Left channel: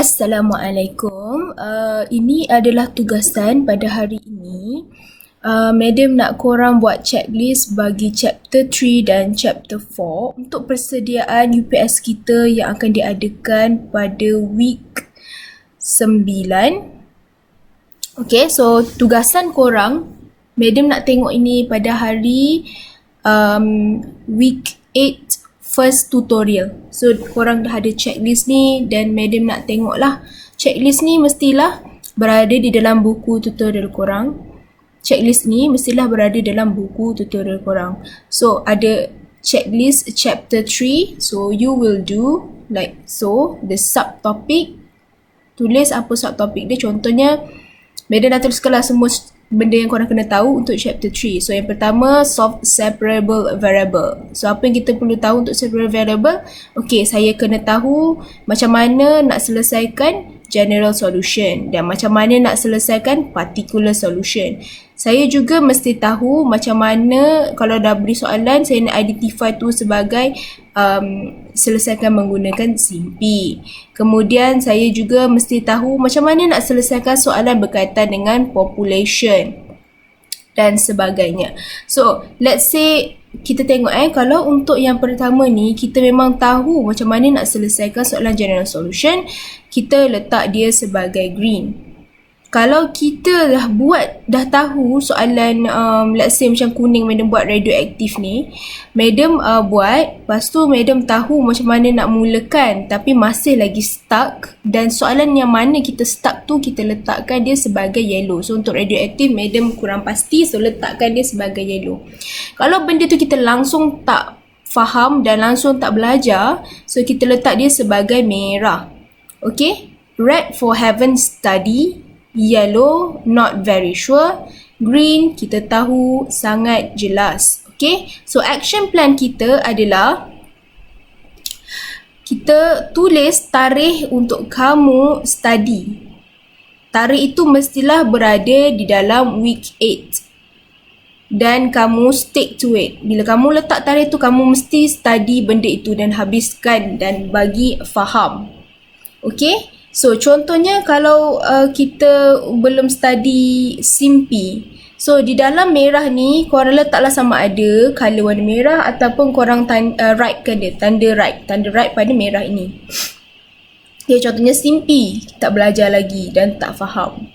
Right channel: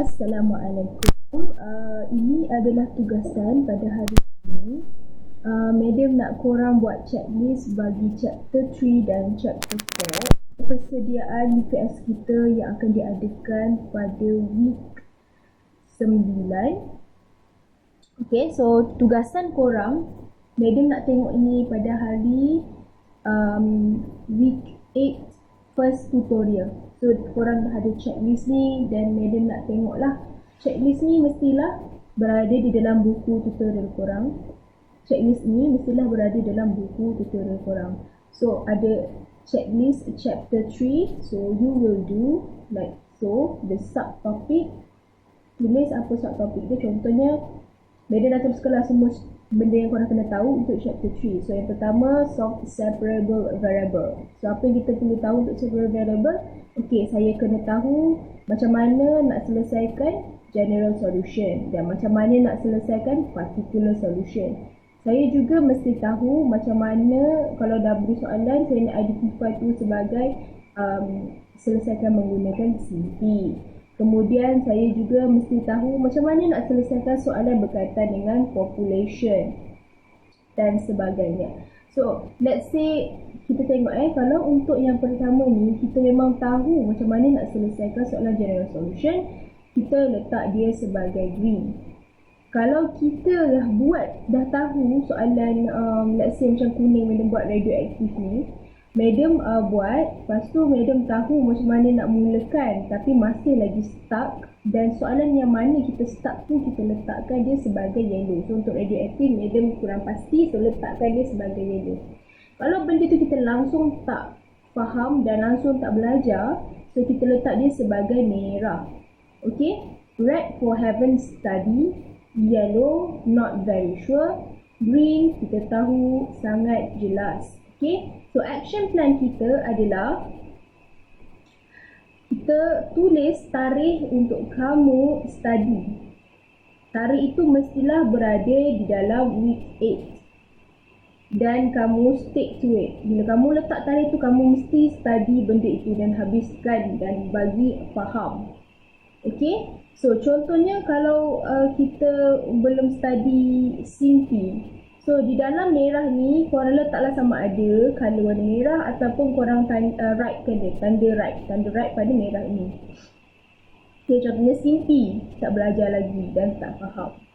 Assalamualaikum. Ini adalah tugasan pada hari ini. Madam nak korang buat checklist bagi chapter 3 dan chapter 4 untuk persediaan UPS kita yang akan diadakan pada week 9. Okay, so tugasan korang, Madam nak tengok ini pada hari week 8 first tutorial. So korang dah ada checklist ni dan Madam nak tengok lah. Checklist ni mestilah berada di dalam buku tutorial korang. Checklist ni mestilah berada dalam buku tutorial korang. So ada checklist chapter 3. So you will do like so. The subtopic, tulis apa subtopic dia. Contohnya Madam dah tuliskanlah semua benda yang korang kena tahu untuk chapter 3. So yang pertama, solve separable variable. So apa yang kita perlu tahu untuk separable variable? Okay, saya kena tahu macam mana nak selesaikan general solution dan macam mana nak selesaikan particular solution. Saya juga mesti tahu macam mana kalau dah beri soalan, saya nak identify tu sebagai selesaikan menggunakan simpi. Kemudian saya juga mesti tahu macam mana nak selesaikan soalan berkaitan dengan population dan sebagainya. So, let's say kita tengok kalau untuk yang pertama ni kita memang tahu macam mana nak selesaikan soalan general solution, kita letak dia sebagai green. Kalau kita dah tahu soalan let's say macam kuning, Madam buat radioaktif ni, Madam buat, lepas tu Madam tahu macam mana nak mulakan tapi masih lagi stuck, dan soalan yang mana kita stuck tu kita letakkan dia sebagai yellow. So untuk radioaktif Madam kurang pasti, so letakkan dia sebagai yellow. Kalau benda tu kita langsung tak faham dan langsung tak belajar, so kita letak dia sebagai merah. Okay, red for haven't study, yellow not very sure, green kita tahu sangat jelas. Okay, so action plan kita adalah kita tulis tarikh untuk kamu study. Tarikh itu mestilah berada di dalam week 8 dan kamu stick to it. Bila kamu letak tarikh tu, kamu mesti study benda itu dan habiskan dan bagi faham. Okay, so contohnya kalau kita belum study simpi, so di dalam merah ni korang letaklah sama ada colour warna merah ataupun korang writekan dia, tanda right pada merah ini. Okay, contohnya simpi, tak belajar lagi dan tak faham.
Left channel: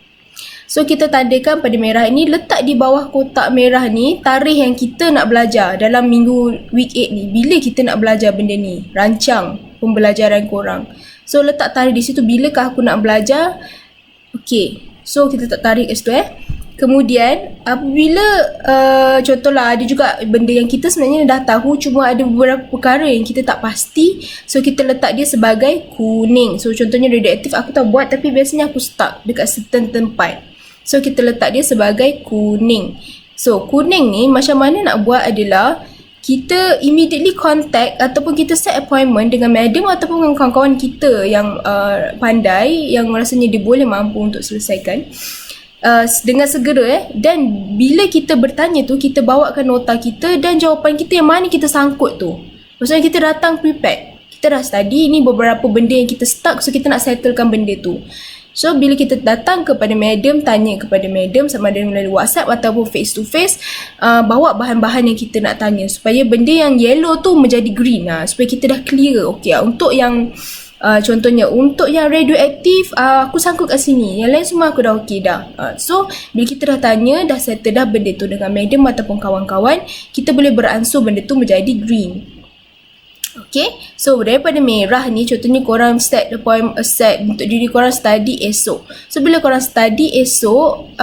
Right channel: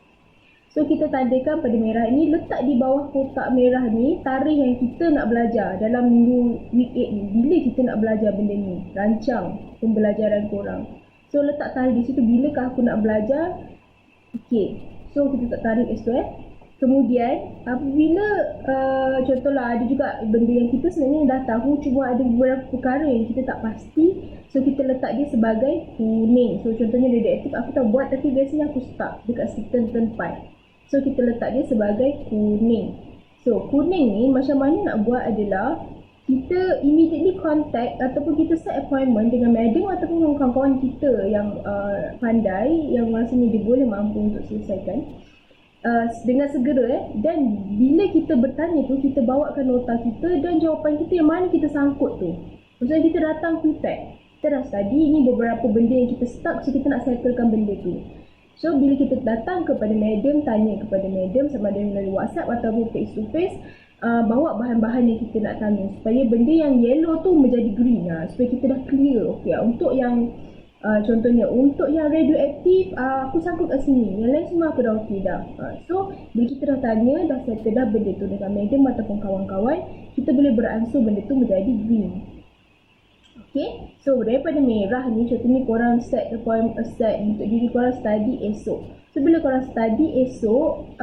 So kita tandakan pada merah ini, letak di bawah kotak merah ni tarikh yang kita nak belajar dalam minggu week 8 ni. Bila kita nak belajar benda ni, rancang pembelajaran korang. So letak tarikh di situ, bilakah aku nak belajar. Okay, so kita letak tarikh kat situ Kemudian apabila contohlah ada juga benda yang kita sebenarnya dah tahu, cuma ada beberapa perkara yang kita tak pasti, so kita letak dia sebagai kuning. So contohnya radioaktif aku tak buat tapi biasanya aku stuck dekat certain tempat, so kita letak dia sebagai kuning. So kuning ni macam mana nak buat adalah kita immediately contact ataupun kita set appointment dengan madam ataupun dengan kawan-kawan kita yang pandai, yang rasanya dia boleh mampu untuk selesaikan dengan segera dan bila kita bertanya tu, kita bawakan nota kita dan jawapan kita yang mana kita sangkut tu. Maksudnya kita datang prepared, kita dah study, ni beberapa benda yang kita stuck, so kita nak settlekan benda tu. So bila kita datang kepada madam, tanya kepada madam sama ada melalui WhatsApp ataupun face to face, bawa bahan-bahan yang kita nak tanya supaya benda yang yellow tu menjadi green supaya kita dah clear. Okay, untuk yang contohnya untuk yang radioaktif aku sangkut kat sini, yang lain semua aku dah okey dah. So bila kita dah tanya, dah settle dah benda tu dengan madam ataupun kawan-kawan, kita boleh beransur benda tu menjadi green. Okay, so daripada merah ni contohnya korang set untuk diri korang study esok. So bila korang study esok,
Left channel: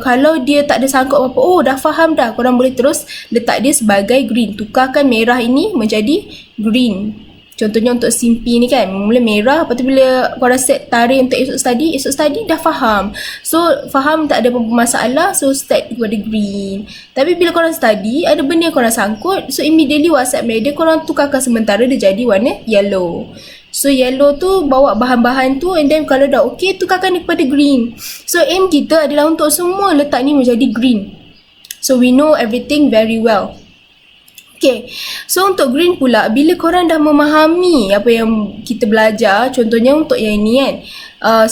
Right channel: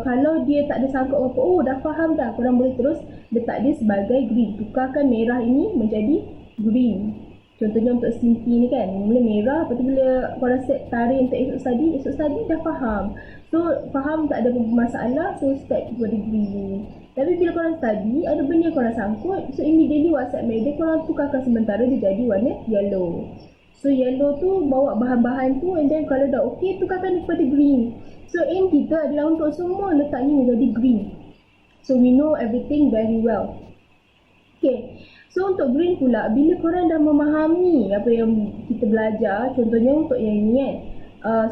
kalau dia tak ada sangkut apa-apa, oh dah faham dah, korang boleh terus letak dia sebagai green. Tukarkan merah ini menjadi green. Contohnya untuk simpi ni kan, mula merah, lepas tu bila korang set tarikh untuk esok study dah faham. So faham tak ada apa-apa masalah, so start kepada green. Tapi bila korang study, ada benda yang korang sangkut, so immediately WhatsApp media korang tukarkan sementara dia jadi warna yellow. So yellow tu bawa bahan-bahan tu, and then kalau dah okay, tukarkan dia kepada green. So aim kita adalah untuk semua letak ni menjadi green. So we know everything very well. Okay, so untuk green pula, bila korang dah memahami apa yang kita belajar, contohnya untuk yang ini kan,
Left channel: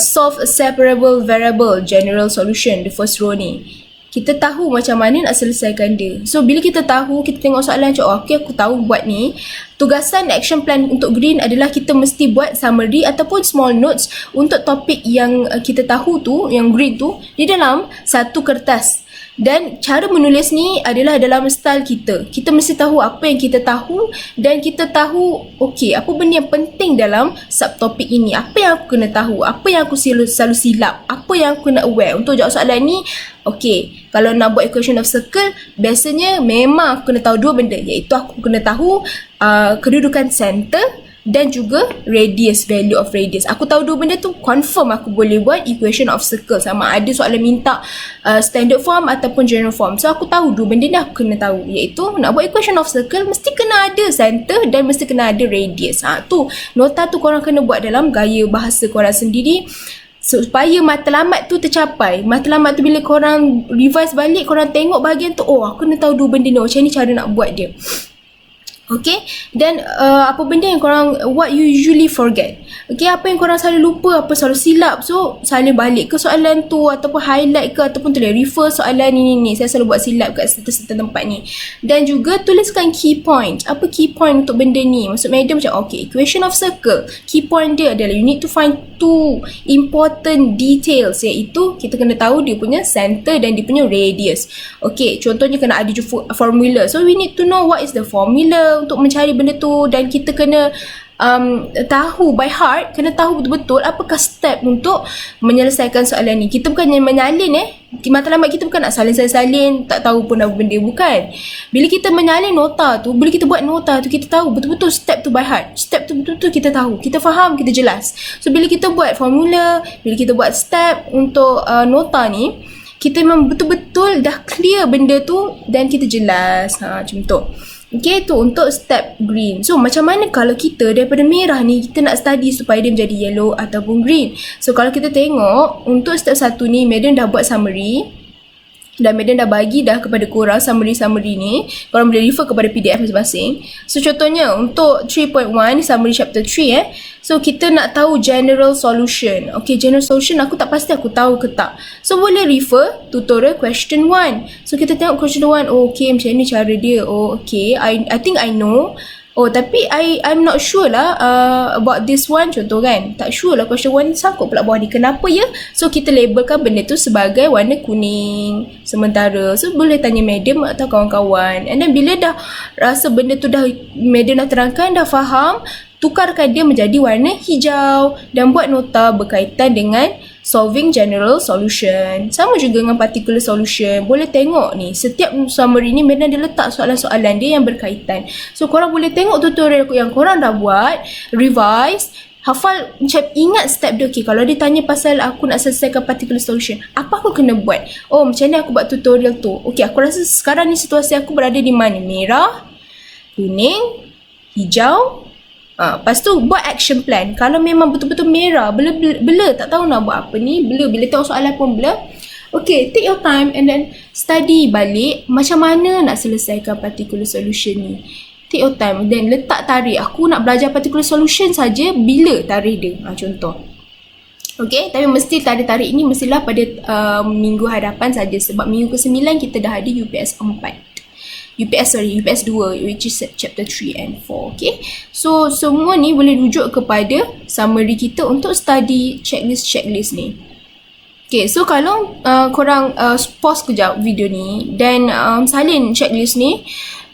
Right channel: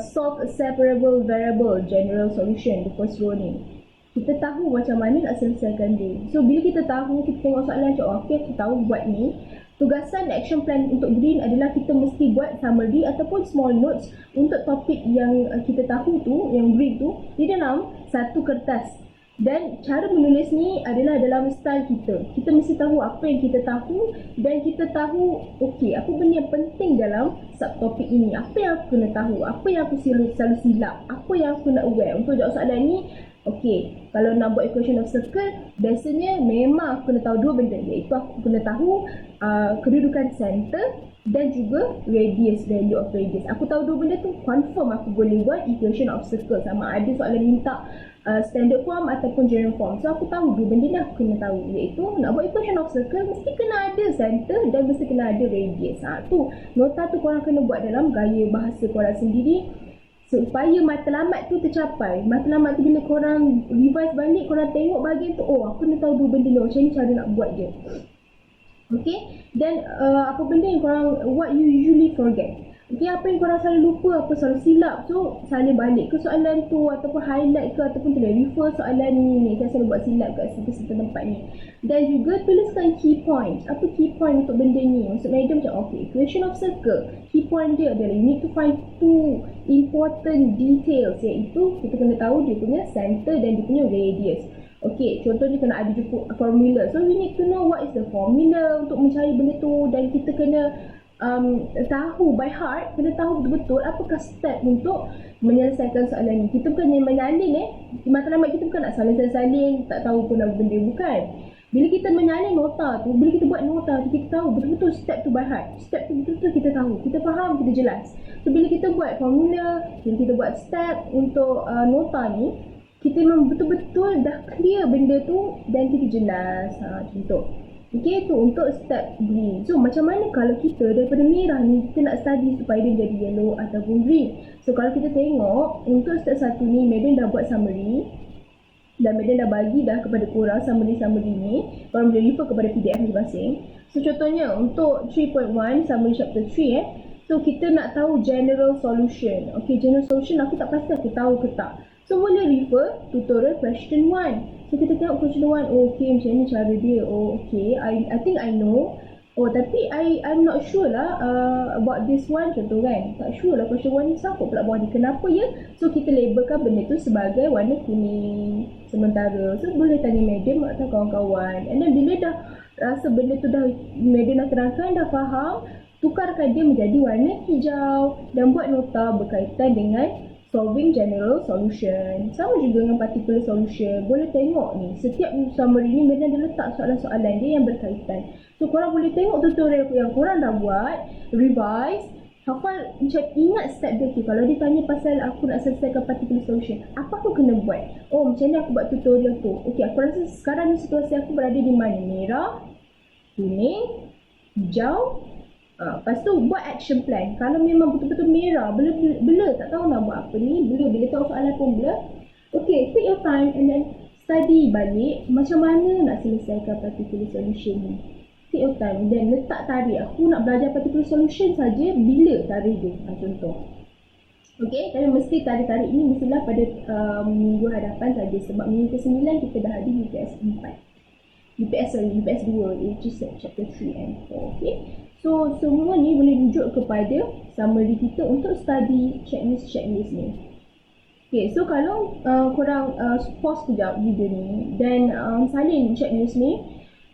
solve a separable variable general solution, the first row ni. Kita tahu macam mana nak selesaikan dia. So bila kita tahu, kita tengok soalan macam, okay aku tahu buat ni. Tugasan action plan untuk green adalah kita mesti buat summary ataupun small notes untuk topik yang kita tahu tu, yang green tu, di dalam satu kertas. Dan cara menulis ni adalah dalam style kita. Kita mesti tahu apa yang kita tahu dan kita tahu okey, apa benda yang penting dalam subtopik ini. Apa yang aku kena tahu, apa yang aku selalu silap, apa yang aku kena aware untuk jawab soalan ni. Okey, kalau nak buat equation of circle, biasanya memang aku kena tahu dua benda, iaitu aku kena tahu kedudukan center dan juga radius, value of radius. Aku tahu dua benda tu, confirm aku boleh buat equation of circle. Sama ada soalan minta standard form ataupun general form. So aku tahu dua benda ni aku kena tahu, iaitu nak buat equation of circle mesti kena ada center dan mesti kena ada radius. Tu nota tu korang kena buat dalam gaya bahasa korang sendiri, supaya matlamat tu tercapai. Matlamat tu bila korang revise balik, korang tengok bahagian tu, oh aku kena tahu dua benda ni, macam ni cara nak buat dia. Okay, dan apa benda yang korang, what you usually forget. Okay, apa yang korang selalu lupa, apa selalu silap. So salin balik ke soalan tu, ataupun highlight ke, ataupun tulis refer soalan ni. Saya selalu buat silap kat certain tempat ni. Dan juga tuliskan key point. Apa key point untuk benda ni? Maksud madam macam, okay, equation of circle, key point dia adalah you need to find two important details, iaitu kita kena tahu dia punya center dan dia punya radius. Okay, contohnya kena ada formula. So we need to know what is the formula untuk mencari benda tu, dan kita kena tahu by heart, kena tahu betul-betul apakah step untuk menyelesaikan soalan ni. Kita bukannya menyalin matlamat kita bukan nak salin-salin tak tahu pun apa benda, bukan. Bila kita menyalin nota tu, bila kita buat nota tu, kita tahu betul-betul step tu by heart. Step tu betul-betul kita tahu, kita faham, kita jelas. So bila kita buat formula, bila kita buat step untuk nota ni, kita memang betul-betul dah clear benda tu dan kita jelas. Macam tu. Okay, tu untuk step green. So macam mana kalau kita daripada merah ni, kita nak study supaya dia menjadi yellow ataupun green. So kalau kita tengok untuk step 1 ni, madam dah buat summary dan madam dah bagi dah kepada korang summary ni. Korang boleh refer kepada PDF masing-masing. So contohnya untuk 3.1 summary chapter 3 so kita nak tahu general solution. Okay, general solution aku tak pasti aku tahu ke tak. So boleh refer tutorial question 1. So kita tengok question 1. Oh, okay, macam ni cara dia. Oh, okay, I think I know. Oh, tapi I'm not sure lah about this one, contoh kan. Tak sure lah question 1 ni sangkut pula bawah ni. Kenapa ya? So kita labelkan benda tu sebagai warna kuning sementara. So boleh tanya madam atau kawan-kawan. And then bila dah rasa benda tu dah madam dah terangkan, dah faham, tukarkan dia menjadi warna hijau dan buat nota berkaitan dengan solving general solution. Sama juga dengan particular solution. Boleh tengok ni, setiap summary ni memang dia letak soalan-soalan dia yang berkaitan. So korang boleh tengok tutorial yang korang dah buat, revise, hafal, macam ingat step dia. Okay, kalau dia tanya pasal aku nak selesaikan particular solution, apa aku kena buat? Oh, macam ni aku buat tutorial tu. Okay, aku rasa sekarang ni situasi aku berada di mana? Merah, kuning, hijau. Lepas tu buat action plan. Kalau memang betul-betul merah, bela tak tahu nak buat apa ni, bila tengok soalan pun bela. Okay, take your time and then study balik macam mana nak selesaikan particular solution ni. Take your time dan letak tarikh. Aku nak belajar particular solution saja, bila tarikh dia. Contoh. Okay, tapi mesti tarikh ni mestilah pada minggu hadapan saja, sebab minggu ke-9 kita dah ada UPS 4. UPS 2, which is chapter 3 and 4. Okay, so semua ni boleh rujuk kepada summary kita untuk study checklist ni. Okay, so kalau korang pause kejap video ni dan salin checklist ni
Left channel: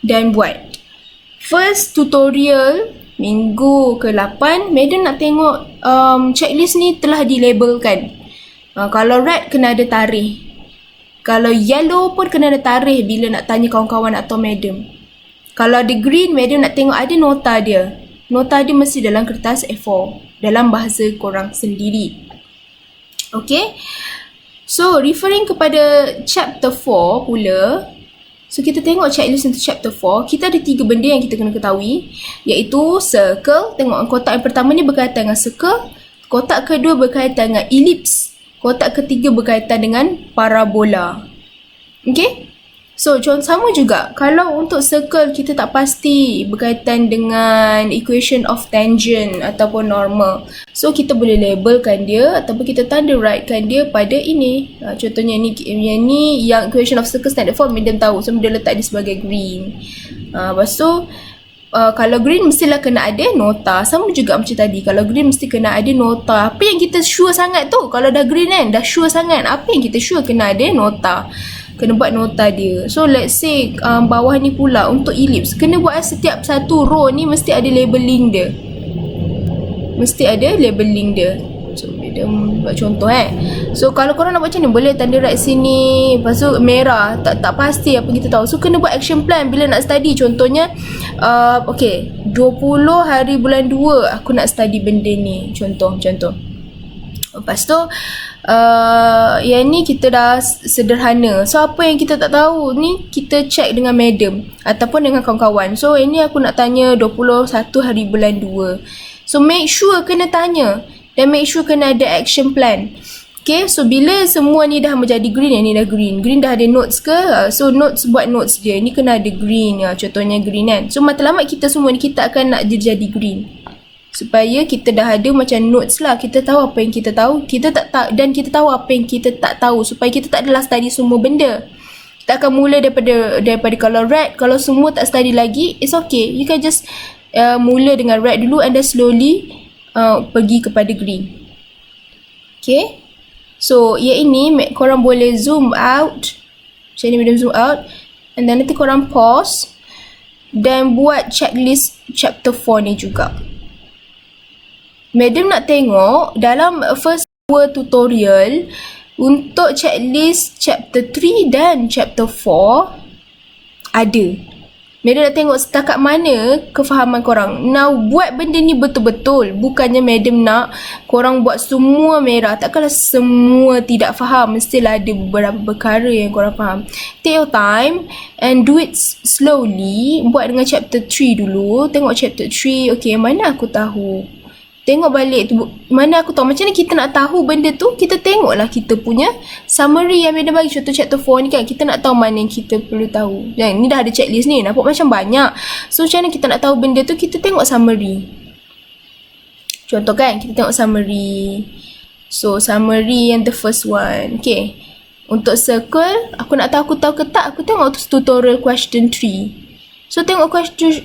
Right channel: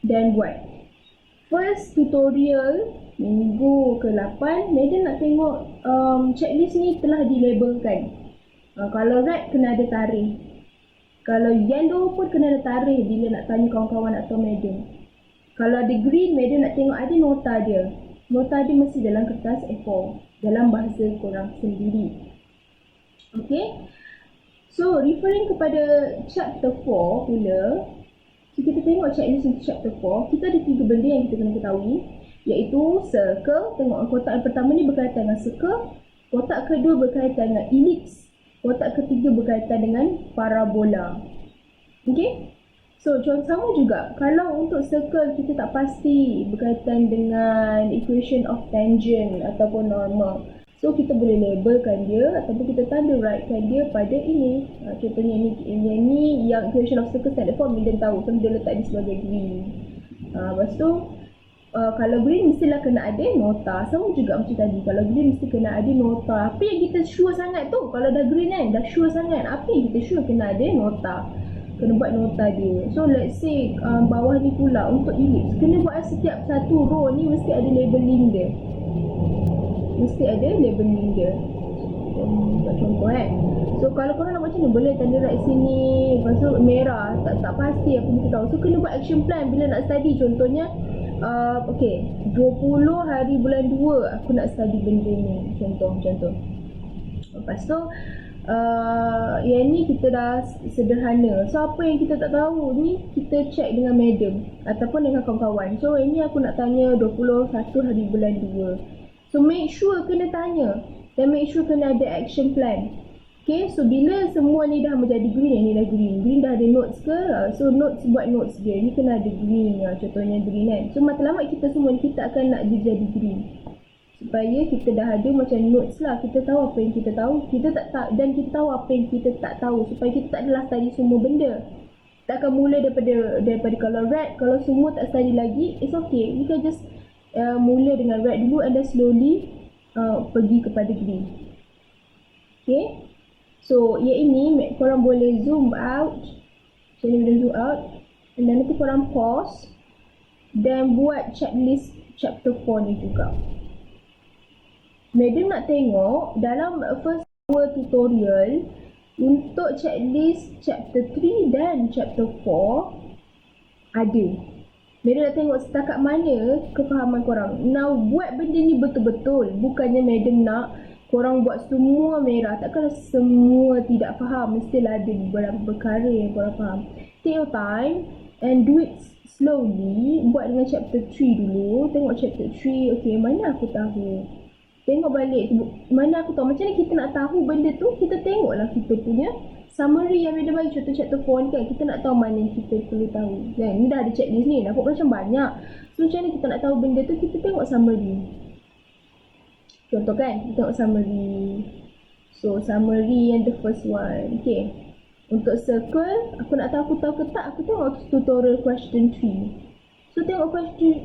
dan buat first tutorial minggu ke-8, madam nak tengok checklist ni telah dilabelkan. Kalau red kena ada tarikh. Kalau yellow pun kena ada tarikh bila nak tanya kawan-kawan atau madam. Kalau ada green, madam nak tengok ada nota dia. Nota dia mesti dalam kertas A4, dalam bahasa korang sendiri. Okay. So, referring kepada chapter 4 pula. So, kita tengok checklist untuk chapter 4. Kita ada 3 benda yang kita kena ketahui. Iaitu circle. Tengok kotak yang pertama ni berkaitan dengan circle. Kotak kedua berkaitan dengan ellipse. Kotak ketiga berkaitan dengan parabola. Okay? So contoh sama juga, kalau untuk circle kita tak pasti berkaitan dengan equation of tangent ataupun normal. So kita boleh labelkan dia ataupun kita tanda rightkan dia pada ini. Contohnya ni, yang equation of circle standard form medium tahu. So dia letak dia sebagai green. Lepas tu kalau green mestilah kena ada nota. Sama juga macam tadi, kalau green mesti kena ada nota. Apa yang kita sure sangat tu, kalau dah green kan, dah sure sangat, apa yang kita sure kena ada nota, kena buat nota dia. So let's say bawah ni pula untuk ellipse, kena buat setiap satu row ni mesti ada labeling dia, mesti ada labeling dia. So dia buat contoh So kalau korang nak buat macam ni, boleh tanda right sini, lepas tu merah, tak pasti apa kita tahu. So kena buat action plan bila nak study. Contohnya okay, 20 hari bulan 2 aku nak study benda ni, contoh. Lepas tu yang ni kita dah sederhana. So apa yang kita tak tahu ni, kita check dengan madam ataupun dengan kawan-kawan. So ini aku nak tanya 21 hari bulan 2. So make sure kena tanya dan make sure kena ada action plan. Okay, so bila semua ni dah menjadi green, yang ni dah green dah ada notes ke? So notes, buat notes dia, ni kena ada green, contohnya green kan. So matlamat kita semua ni kita akan nak jadi green, supaya kita dah ada macam notes lah. Kita tahu apa yang kita tahu, kita tak tahu, dan kita tahu apa yang kita tak tahu, supaya kita tak adalah study semua benda. Kita akan mula daripada kalau red, kalau semua tak study lagi, it's okay. You can just mula dengan red dulu and then slowly pergi kepada green. Okay, so yang ini korang boleh zoom out macam ni, boleh zoom out, and then nanti korang pause dan buat checklist chapter 4 ni juga. Madam nak tengok dalam first hour tutorial untuk checklist chapter 3 dan chapter 4 ada. Madam nak tengok setakat mana kefahaman korang. Now buat benda ni betul-betul, bukannya madam nak korang buat semua merah. Takkanlah semua tidak faham, mestilah ada beberapa perkara yang korang faham. Take your time and do it slowly. Buat dengan chapter 3 dulu. Tengok chapter 3, okay, mana aku tahu. Tengok balik tu, mana aku tahu. Macam ni kita nak tahu benda tu, kita tengoklah kita punya summary yang Madam bagi. Contoh chapter 4 ni kan, kita nak tahu mana yang kita perlu tahu. Dan ni dah ada checklist ni, nampak macam banyak. So macam mana kita nak tahu benda tu, kita tengok summary. Contoh kan, kita tengok summary. So summary yang the first one. Okay, untuk circle, aku nak tahu aku tahu ke tak, aku tengok tutorial question 3. So tengok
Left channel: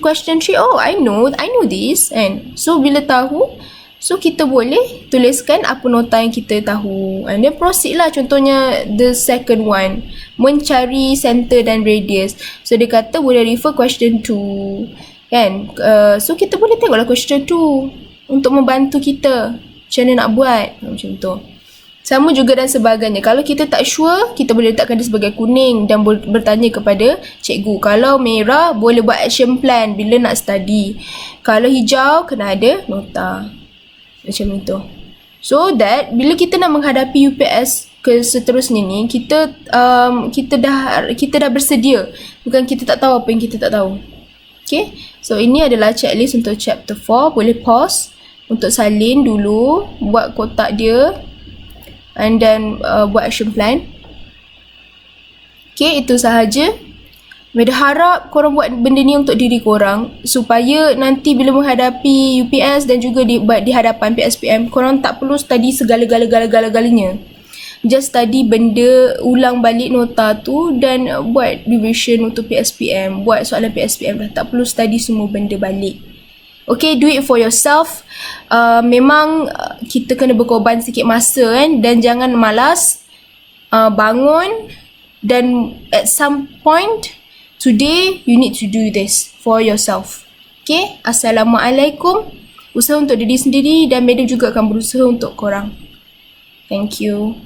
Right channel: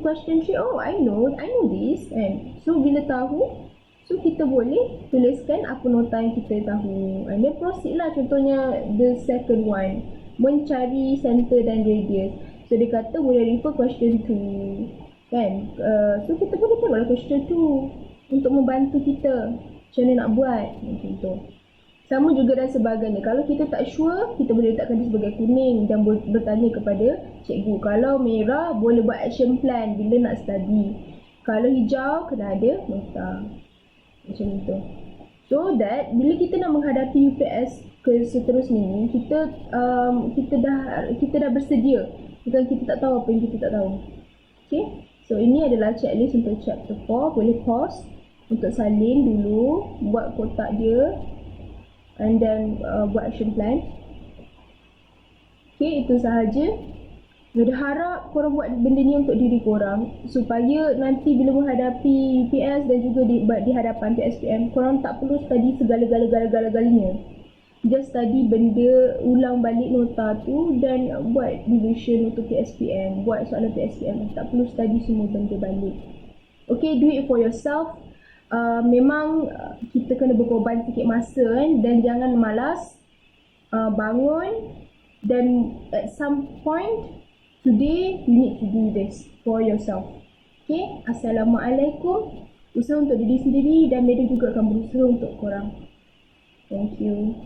question 3, oh I know this. And so bila tahu, so kita boleh tuliskan apa nota yang kita tahu, and then proceed lah. Contohnya the second one, mencari center dan radius. So dia kata boleh refer question 2 kan. So kita boleh tengoklah question 2 untuk membantu kita macam mana nak buat, macam tu. Sama juga dan sebagainya. Kalau kita tak sure, kita boleh letakkan dia sebagai kuning dan bertanya kepada cikgu. Kalau merah, boleh buat action plan bila nak study. Kalau hijau, kena ada nota. Macam itu. So that bila kita nak menghadapi UPS ke seterusnya ni, kita dah bersedia. Bukan kita tak tahu apa yang kita tak tahu. Okay. So ini adalah checklist untuk chapter 4. Boleh pause untuk salin dulu, buat kotak dia, and then buat action plan. Okay, itu sahaja. Madam harap korang buat benda ni untuk diri korang, supaya nanti bila menghadapi UPS dan juga di hadapan PSPM, korang tak perlu study segala-galanya. Just study benda, ulang balik nota tu dan buat revision untuk PSPM, buat soalan PSPM dah. Tak perlu study semua benda balik. Okay, do it for yourself. Memang kita kena berkorban sikit masa kan, dan jangan malas. Bangun, dan at some point today you need to do this for yourself. Okay, Assalamualaikum. Usaha untuk diri sendiri, dan madam juga akan berusaha untuk korang. Thank you.